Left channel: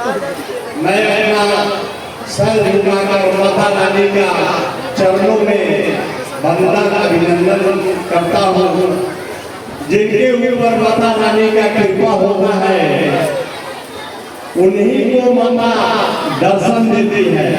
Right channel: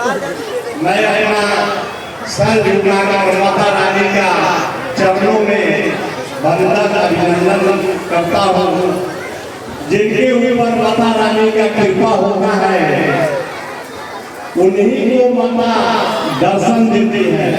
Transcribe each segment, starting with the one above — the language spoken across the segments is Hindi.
मैं अपना सर झुकाकर माता रानी का चरणों में वंदन अभिनंदन करता हूँ। जिनके ऊपर माता रानी का कृपा होता है उन्हीं को माता दर्शन देती है,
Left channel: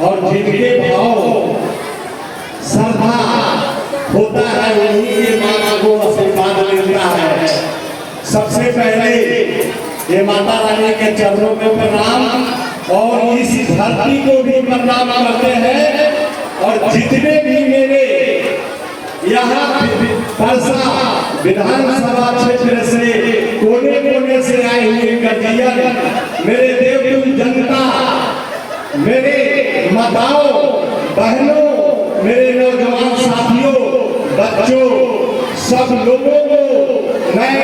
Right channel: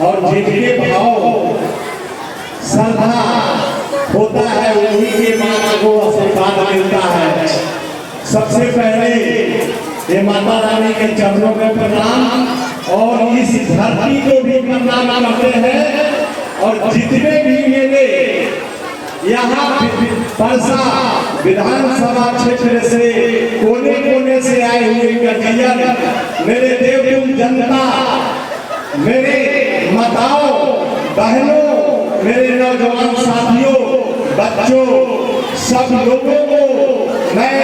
और जिनके भाव श्रद्धा होता है उन्हीं के माता को आशीर्वाद मिलता है। सबसे पहले ये माता रानी के चरणों में प्रणाम, और इस धरती को भी प्रणाम करते हैं। और जितने भी मेरे यहाँ परसा विधानसभा क्षेत्र से कोने कोने से आए हुए कजियन, मेरे देवतुल्य जनता, मेरे माताओं बहनों, मेरे नौजवान साथियों, बच्चों, सब लोगों को मैं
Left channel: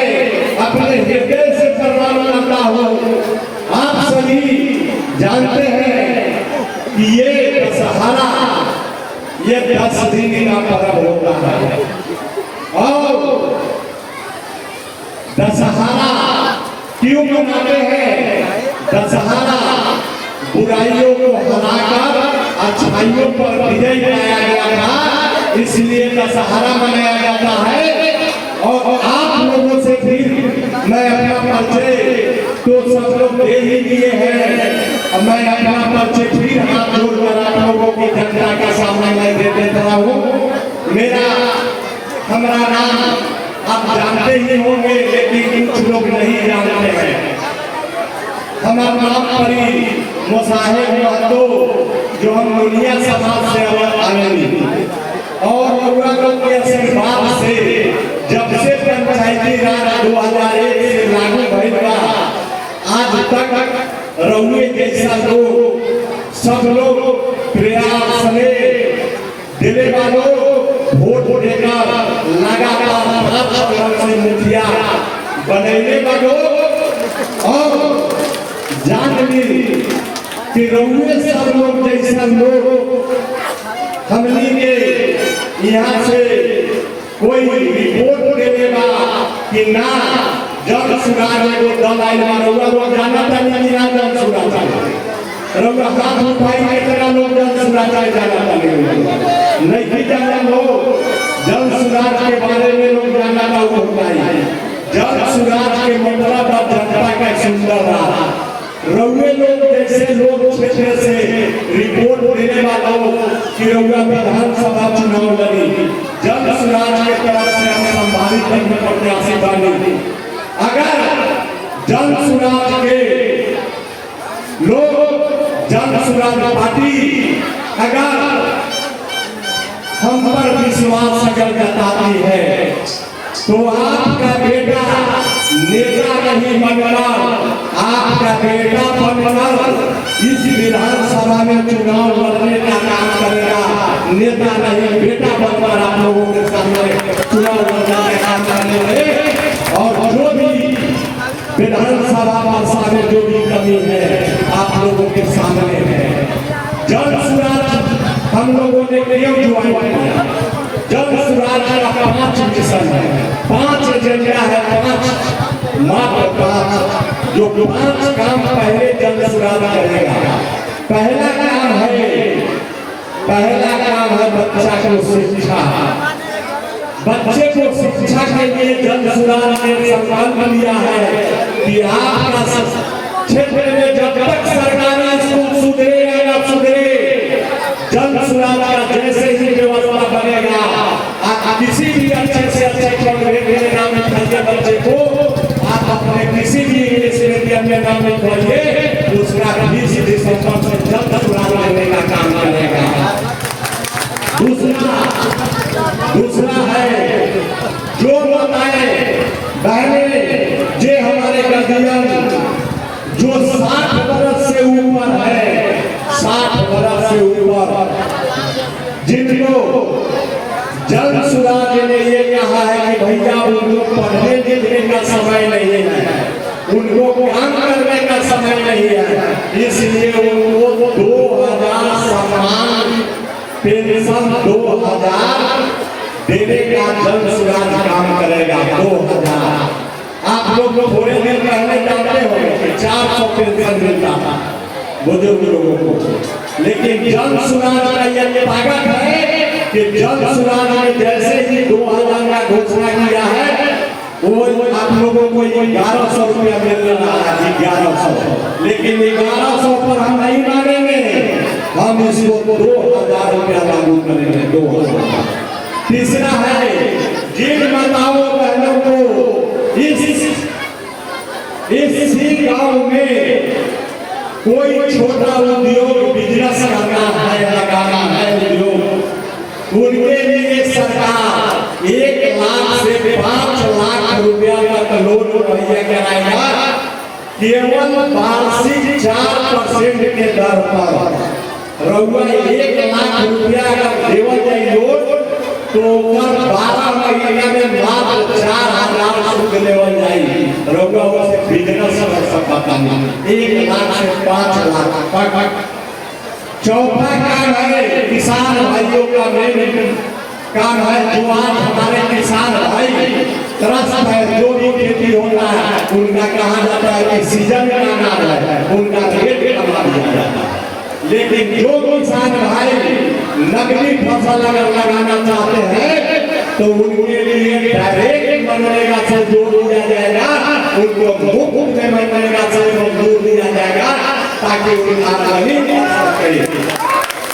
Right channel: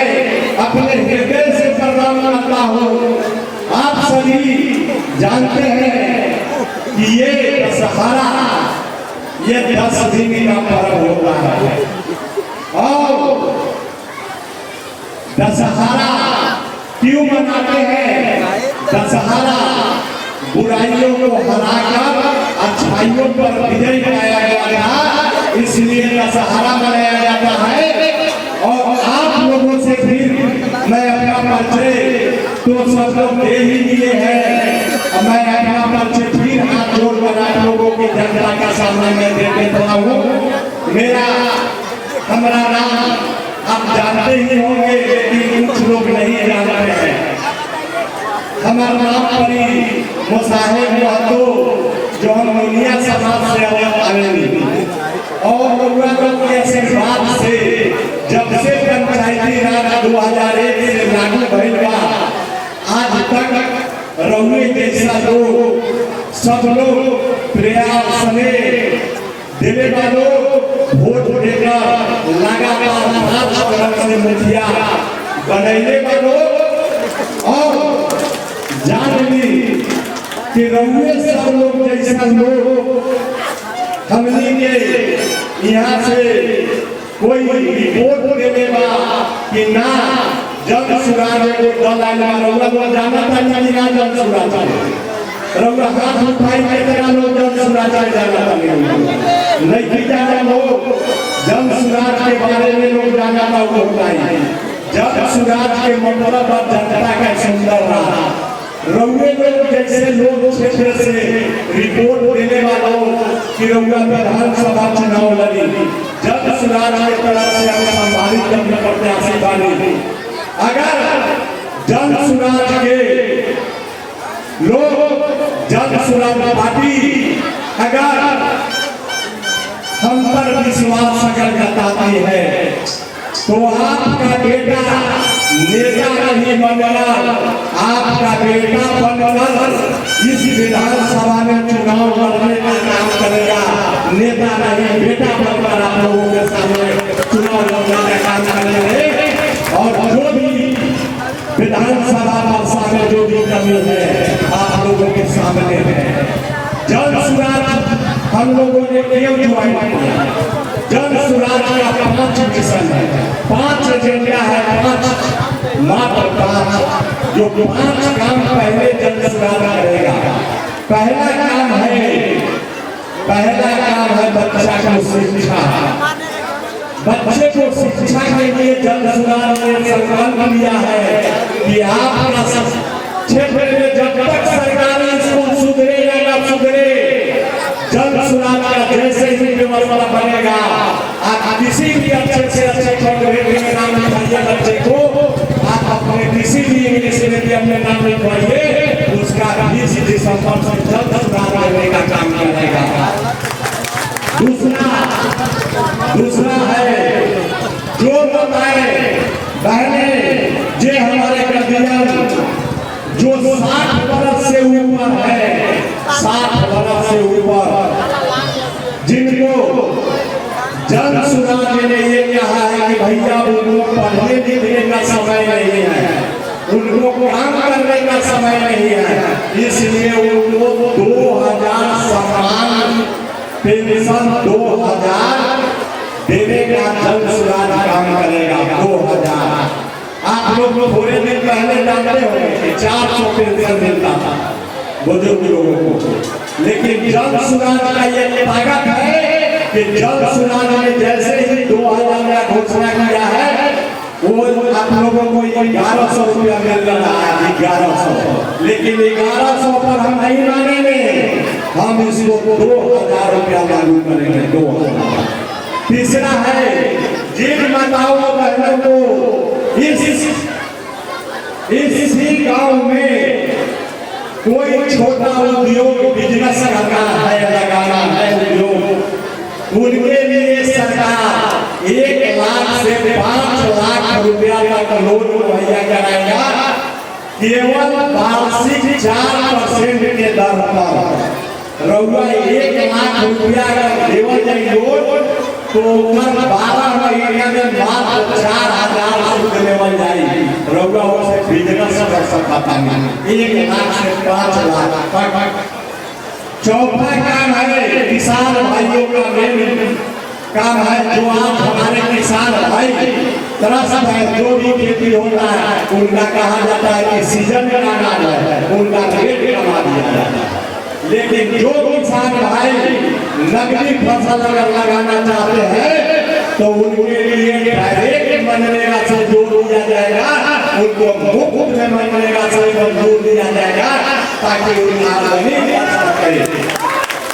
अपने हृदय से प्रणाम करता हूँ। आप सभी जानते हैं कि ये दशहरा ये 10 दिन का पर्व होता है, और दशहरा क्यों मनाते हैं? दशहरा बुराइयों को हराकर अच्छाइयों पर विजय पाया गया था, इसलिए दशहरा मनाया जाता है। और आप लोगों से फिर मैं अपना परिचय तो सब लोग दे ही दिए हैं, मैं अपना परिचय फिर हाथ जोड़कर आप लोगों की जनता के सामने मैं दे देता हूँ। हमारा नाम आप जानते ही होंगे, लेकिन कुछ लोग नहीं जानते हैं। हमारा नाम परी मुसाहिब महतो, जो हम दुनिया समाज से आए, और लोगों के आशीर्वाद से जब से पंचायती राज 2001 से लागू भइल आज तक रहुए जैसा लोग सब लोग प्रयास में देवे वालों वोट देकर लगातार 5 तरह से मुखिया बनने वालों, और जान ली कि रहुए सब लोग जैसा लोग हमने के यहाँ से कोई रिपोर्ट देगा कि ना जब सुराने को दल आया रहुआ को जाना था नहीं ना जब सुराता रहुआ हाथ उठाई के तरह लोग जब सुराता जाना था नहीं जाना हो। जब सुराज के बारे में लोग जाना था वो होता है जब सुराज के मतलब अब जनता का सुंदर रहा। रहुए लोग जैसे लोग क्षेत्र से रिपोर्ट देने वालों कि रहुआ विधानसभा चुनाव लगी, जब सुराज की तरफ से हम संभालित करने प्रत्याशी बने, अगर जन सुराज के लोग, जन सुराज पार्टी अगर हम पर विश्वास अगर जताती है तो आपका बेटा नेता नहीं बनकर, आपका बेटा बनकर इस विधानसभा में चुनाव लड़ने का काम करेगा। नेता नहीं, बेटा बनकर आप लोगों के सामने चुनाव लड़ने का काम करेंगे। और जो भी विधानसभा भाषा में जो भी कमी है आप लोगों के सामने है। जन सुराज हम लोगों ने क्यों ज्वाइन किया? जन सुराज का 5 मिशन है, 5 एजेंडा है, 5 मात्र 5 जो 5 काम पहले जन सुराज करेगा। पहला काम है बच्चा को शिक्षा। बच्चे को शिक्षा के लिए जन सुराज ने संकल्प लिया है कि आपका क्षेत्र में जब तक सरकारी स्कूल सुधरेगा या सुधरे, जन सुराज का जैसे ही व्यवस्था बनेगा, किसी भी अच्छे से अच्छे कॉलेज में नाम लिखाइए बच्चे को, आप अपने किसी भी इंग्लिश मीडियम में नाम लिखवाइए, उसका 20 दिसंबर से जल्द सुराज करने का काम करेगा। दूसरा है जो बताए बहने जे हमारे कजियन जो 60 वर्ष से ऊपर है, 60 वर्ष से ऊपर, जिनको जन सुराज ने ये कहा है कि भैया उनको पढ़ने लिखने का समय नहीं है, उनको काम करने का समय नहीं है, इसलिए उनको 2000 सम्मान पेंशन 2000 देने का जन सुराज काम करेगा। 2000 आप लोग थोड़े दिन पहले जानते होंगे 400 पेंशन मिलता था बुजुर्ग लोगों को। लेकिन जल सुराज का ये ताकत है कि जल सुराज ने जैसे ही 2000 का घोषणा किया है वो आप लोगों को 1100 रुपया मिल रहा है, 1100। लेकिन 1100 पर हम नहीं मानेंगे, हम इसको 2000 रुपया लागू करेंगे, 2000। तीसरा है जिन माताओं बहनों को इसी गांव में कोई छोटा उद्योग बिजनेस करना है, लगाना है उद्योग, उनके लिए सरकार 1 लाख से 5 लाख रुपया तक लोन मुहैया कराएगा, केवल वार्षिक 4% के दर पर। रउआ 1 लाख रुपया अगर देवल जाए लोन तो 12 महीने में मात्र 4000 शुल्क लेवल जाएगी। रउआ उससे बिजनेस कर सकता है 1 लाख से 5 लाख। चौथा काम है किसान भाइयों का मेन काम है, जो आप हमारे किसान भाई त्रस्त है, जो भी खेती होता है उनका कहा जाता है कि सीजन का अनाज है, उनका रेट कमा दिया जाता है। लेकिन जो किसान भाई नकदी फसल अगर लगाना चाहते हैं तो उनके लिए डायरेक्ट मनरेगा से जोड़ दिया जाएगा, उनको मुफ्त में मनरेगा से जोड़ दिया जाएगा ताकि उनकी आमदनी करे।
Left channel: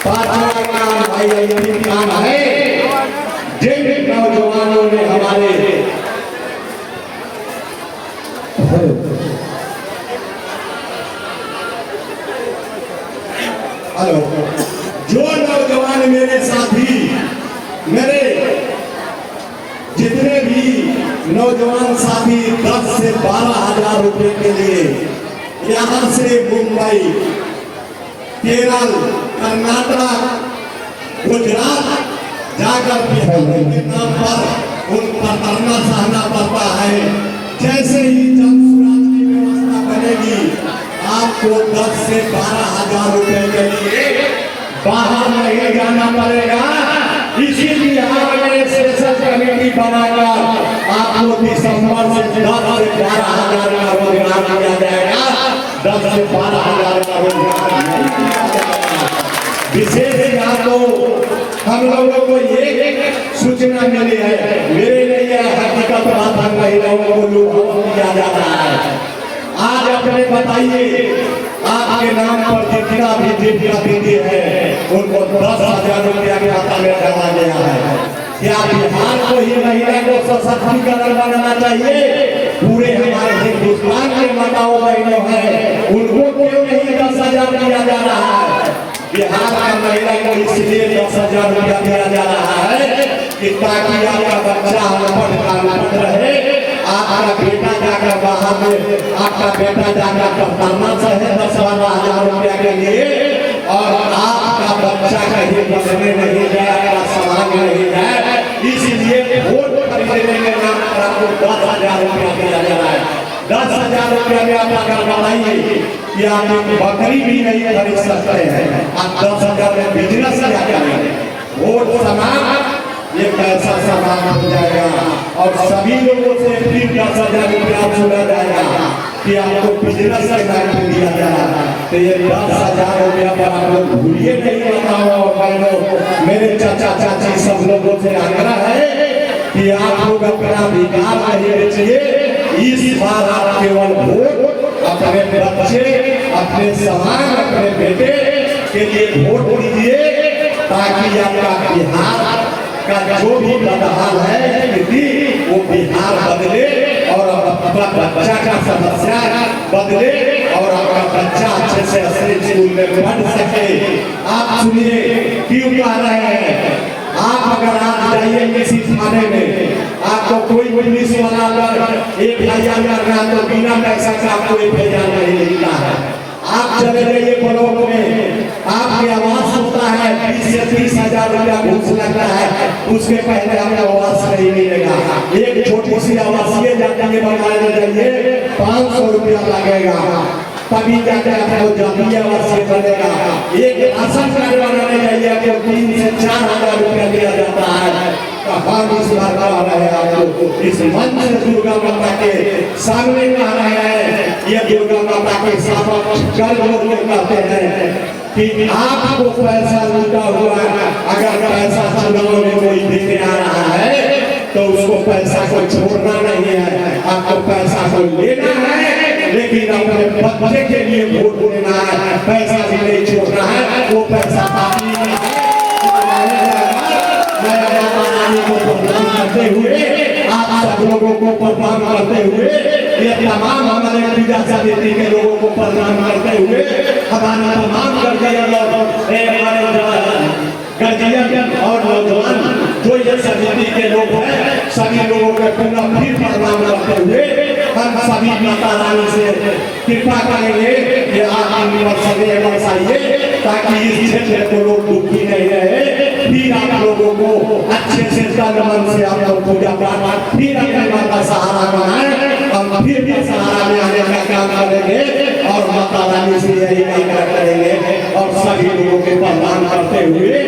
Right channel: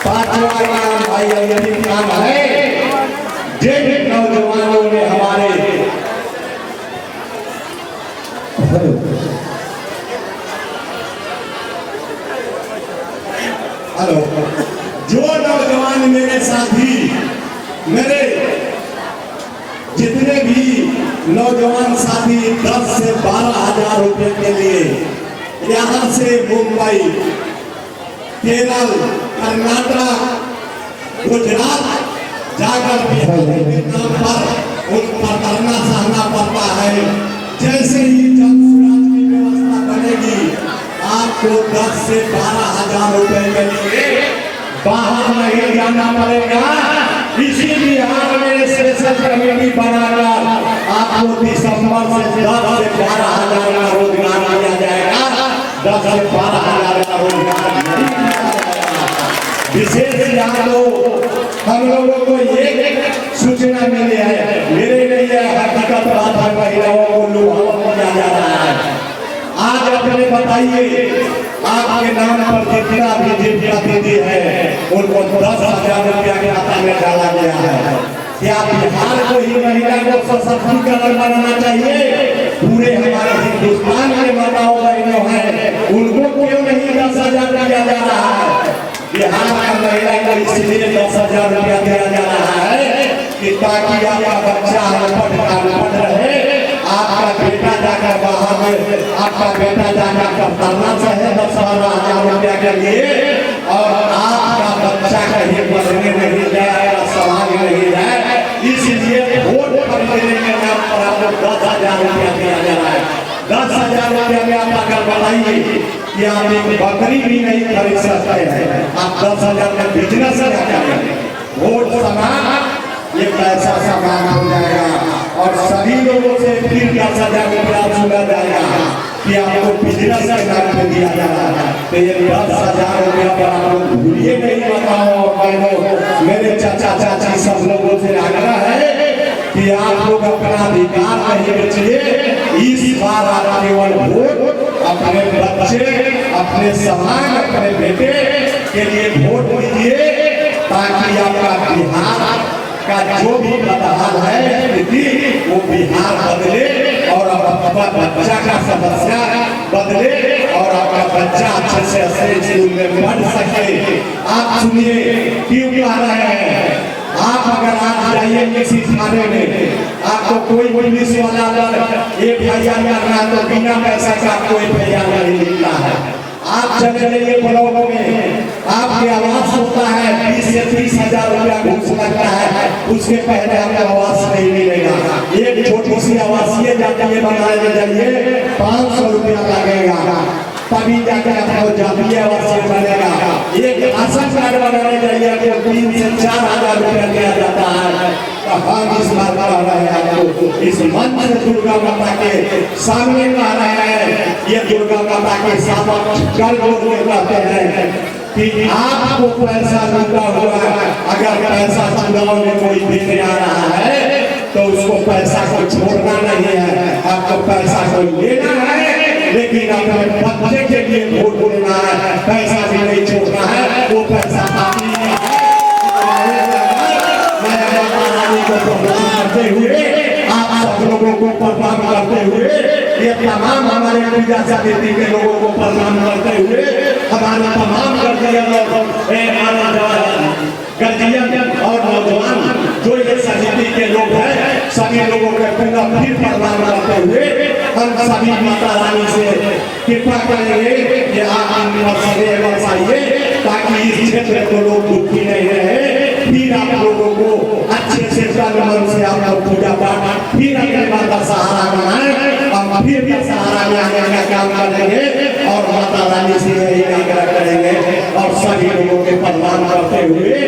पांचवा काम भाई ये काम है जिन नौजवानों ने हमारे हेलो जो नौजवान मेरे साथी मेरे जितने भी नौजवान साथी 10 से 12,000 रुपए के लिए यहाँ से मुंबई, केरल, कर्नाटक, गुजरात जाकर के नाम पर उन पर करना सहना पड़ता है। जैसे ही जल सुराज की व्यवस्था बनेगी आपको 10 से 12,000 रुपए के लिए बाहर नहीं जाना पड़ेगा। इसीलिए हमने स्पेशल कमेटी बनाकर आपको दिसंबर से 10 से 12,000 का रोजगार दिया जाएगा। 10 से 12,000 का रोजगार विशेष यादों हम लोगों को ये सूचना मिली है, मेरे लिए हकीकत बात है, महिलाओं को लूट किया जा रहा है। आज अपने बताइए आपके नाम पर जितना भी दिव्या दीदी है उनको 10,000 रुपया के खाता में डाला गया है। क्या बिहार को ही महिला को सशक्तिकरण बनाना चाहिए? पूरे हमारे हिंदुस्तान के माताओं बहनों हैं उनको क्यों नहीं 10,000 दिया जा रहा है? बिहार का महिला को इसलिए 10,000 रुपया दिया जा रहा है कि ताकि आपका बच्चा अनपढ़ रहे, आपका बेटा जाकर बाहर में आपका बेटा जाकर पढ़ना चाहे 10-12,000 रुपया के लिए, और आपका बच्चा कहीं पढ़ने नहीं जाए, समाज नहीं जाए, इसलिए वोट खरीदने के नाम पर आपको 10,000 रुपया दिया जा रहा है। 10,000 रुपया में आप अगर बताइए कि आप एक बकरी भी नहीं खरीद सकते हैं, आप 10,000 में बिजनेस क्या करेंगे? वोट समान ये पैसा समान हो जाएगा और सभी लोगों से फिर 10,000 रुपया छूटा जाएगा कि आपको बिजनेस के नाम पे दिया जाएगा। तो ये 10,000 रुपया पर आप लोग भूलिए नहीं। बताओ और बहनों, मेरे चाचा चाची सब लोगों से आग्रह है कि आप लोग अपना अधिकार नहीं बेचिए। इस बार आप केवल वोट अपने बच्चे, अपने समाज, अपने बेटे के लिए वोट दीजिए ताकि आपका बिहार का जो भी बदहाल है स्थिति वो बिहार बदले और आपका बच्चा का समस्या बदले और आपका बच्चा अच्छे से अच्छे स्कूल में पढ़ सके। आप सुनिए क्यों कह रहे हैं, आप अगर आज जाइए किसी थाने में आपको कोई पुलिस वाला अगर एफआईआर कर रहा तो बिना पैसा के आपको एफआईआर नहीं लिखता है। आप चले जाइए ब्लॉक में, आपकी आवास होता है 20 से 30,000 रुपया घूस लगता है, उसके पहले आपको आवास नहीं मिलेगा। एक छोटी सी आवासीय जाके बनाने के लिए 500 रुपया लगेगा, तभी जाकर आपको जातीय आवासीय बनेगा। एक राशन कार्ड बनाने जाइए तो 3 से 4,000 रुपया दिया जाता है। हम इस बात कह रहे हैं आपको, इस मंच से दुर्गा माता के सामने कह रहे हैं, ये दुर्गा माता के सामने कल बोल के कहते हैं कि आपको पैसा लूटा हुआ है, अगर पैसा चुनाव में कोई देने आ रहा है तो उसको पैसा को छोड़ना नहीं है, आपको पैसा को लेना है, लेकिन अपने बच्चे के लिए वोट देना है, पैसा भी नहीं छोड़ना है, वो पैसा पानी में है। मैं माता रानी को प्रणाम करते हुए, आप सब लोगों को प्रणाम करते हुए, ये तमाम हमारे पूजा समिति के लोगों को प्रणाम करते हुए, हमारे तमाम गर्जियन और नौजवान जो ये समिति के लोग हैं, सभी लोगों को पूरा फिर प्रणाम करते हुए हम सभी माता रानी से कृपा करेंगे कि आप इन मसले बसाइए ताकि इस क्षेत्र को लोग दुखी नहीं रहे। फिर आप लोगों को अच्छे से तन मन से आप लोग पूजा पाठ फिर अपने माता सहारा बनाए और फिर भी सहारा में आने का काम करेंगे और माता रानी से यही आग्रह करेंगे और सभी लोगों के प्रणाम करते हुए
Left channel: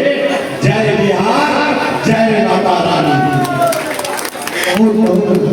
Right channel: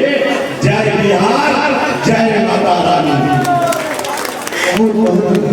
जय बिहार, जय माता रानी।